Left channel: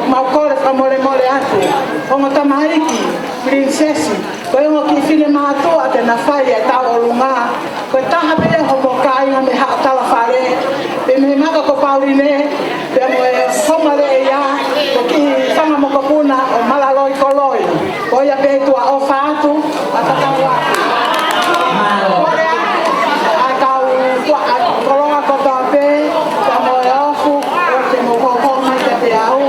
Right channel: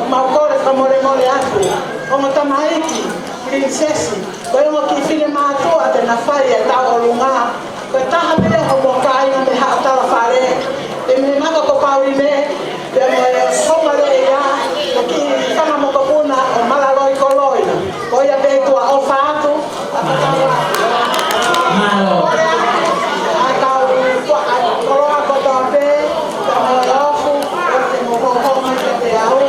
maukore pa mole atu. Ongo tamaiki, prinsesi. Koe ngo ki fine mātou a te nawhai e tau o runga. Koe taha pia hopo kai o me haa tala whare. Pe me maka ko paurine, pe mo e whongale e ia. Ko ki whanga moko puna o malaroi koloi. Koe a pētua o whaatu, a tatawa. A tau tua a koroa kotoa pē, ka me o ofu, o te mo kokonga te te au.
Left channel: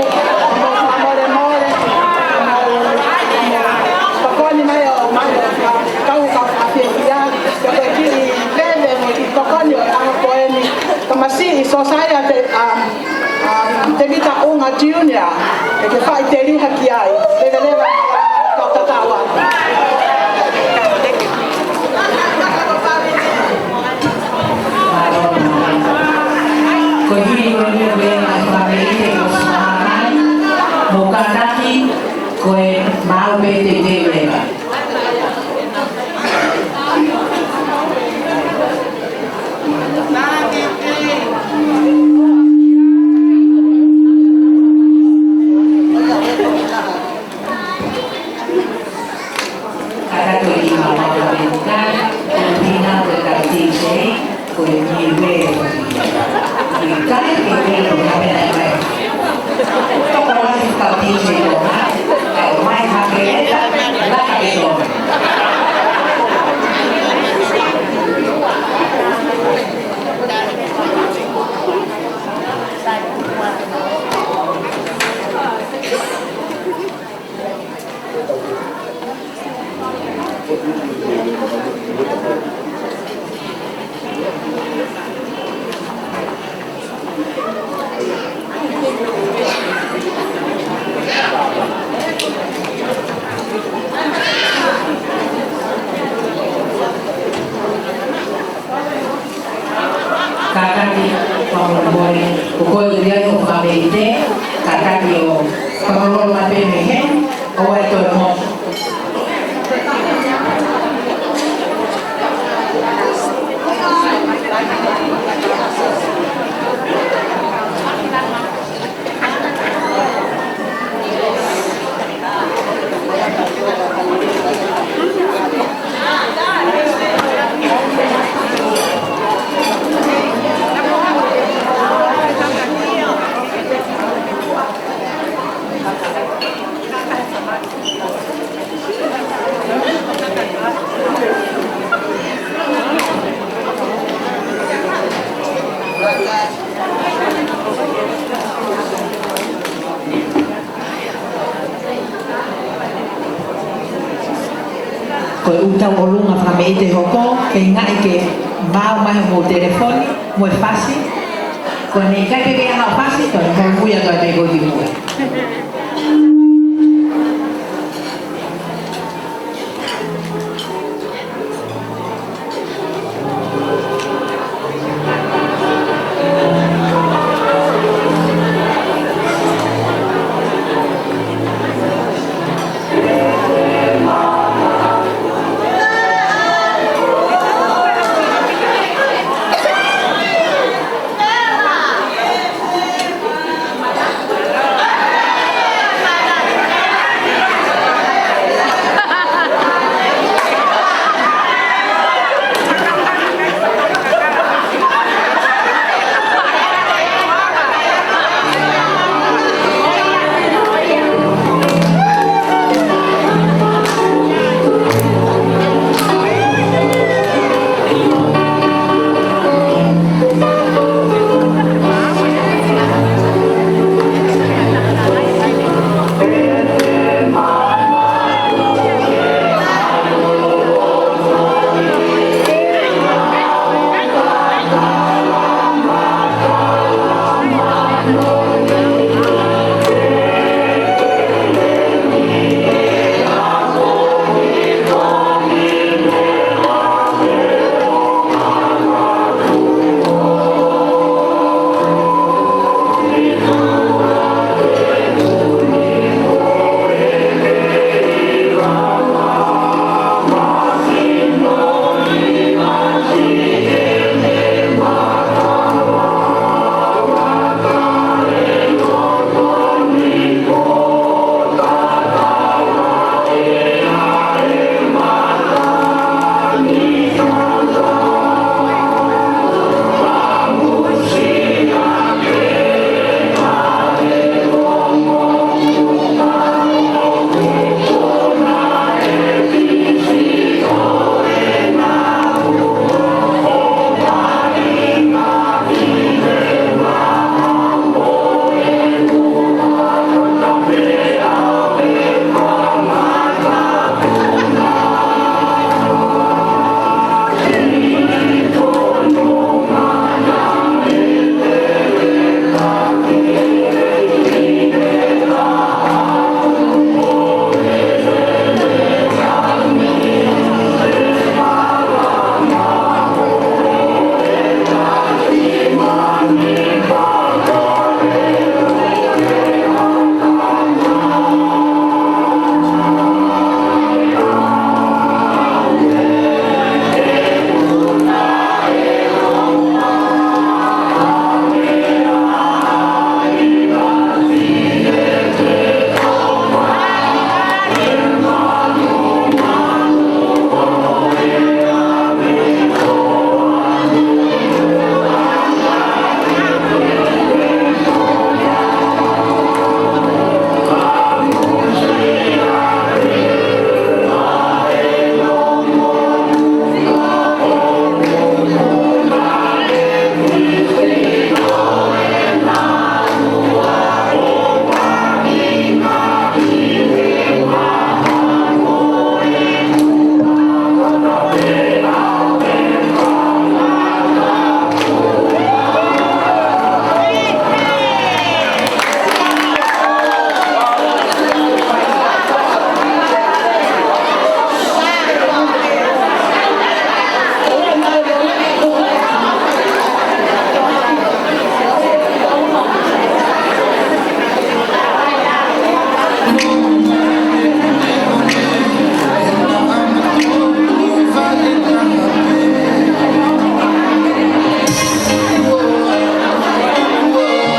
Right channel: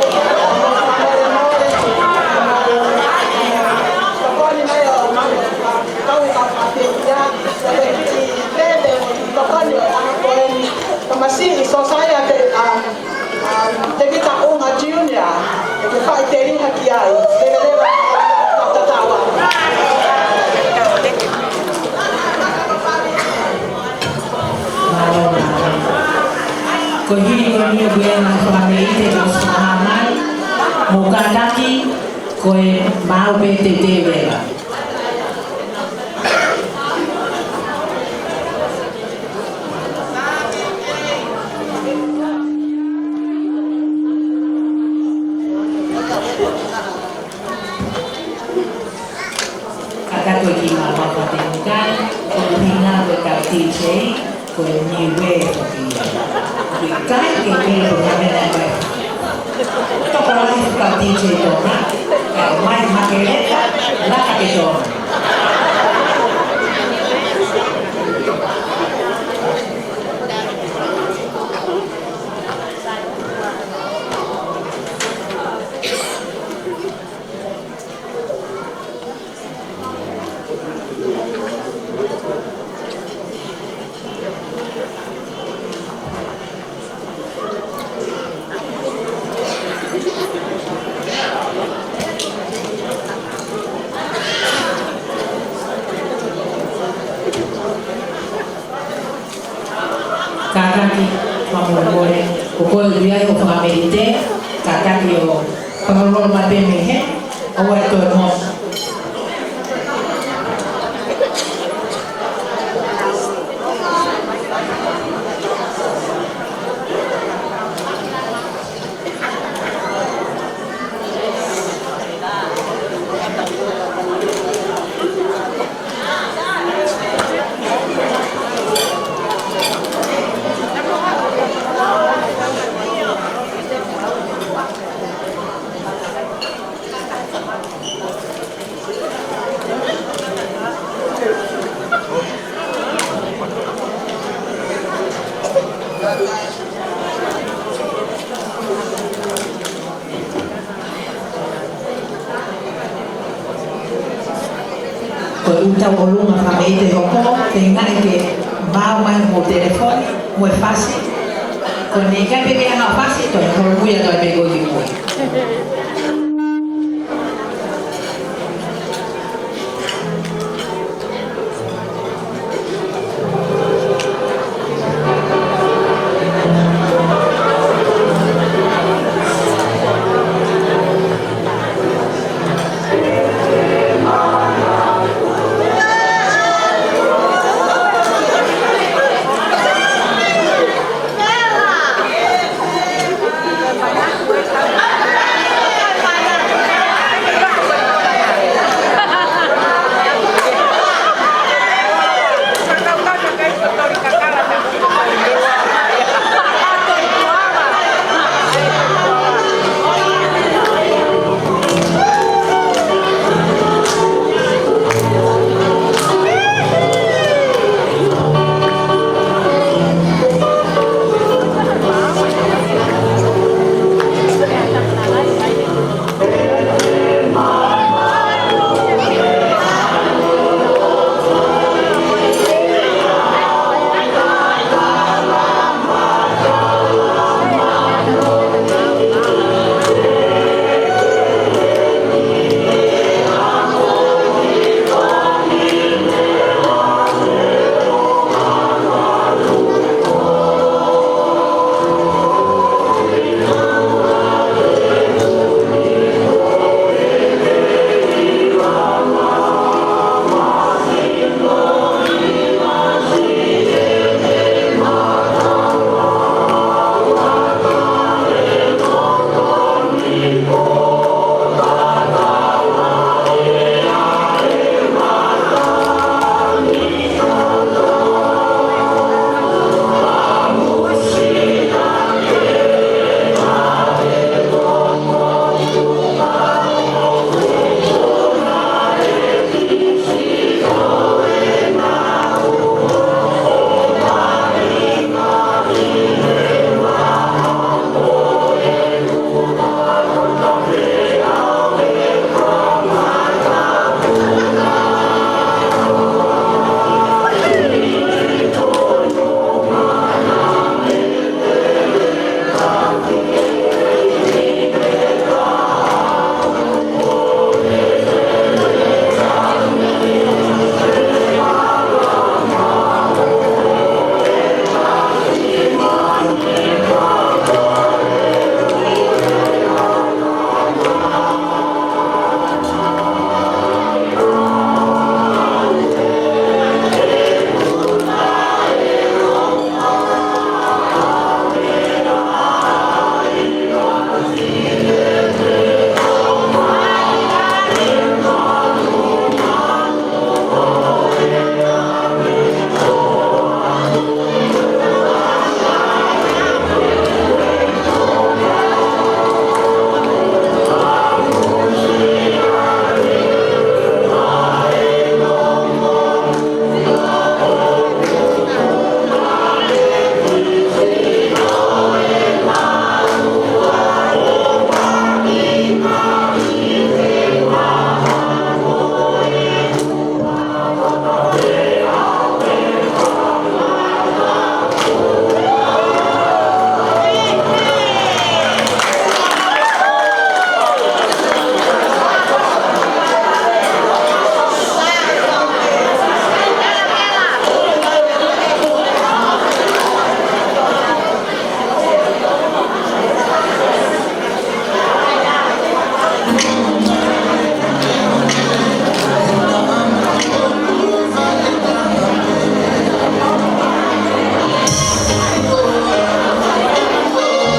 Masih sosaya te te kita unga junior ke fai te ri hakiai te leva tatawa Con el que hay que viajar fácil, todo el mundo ya lo ha pegado y muy.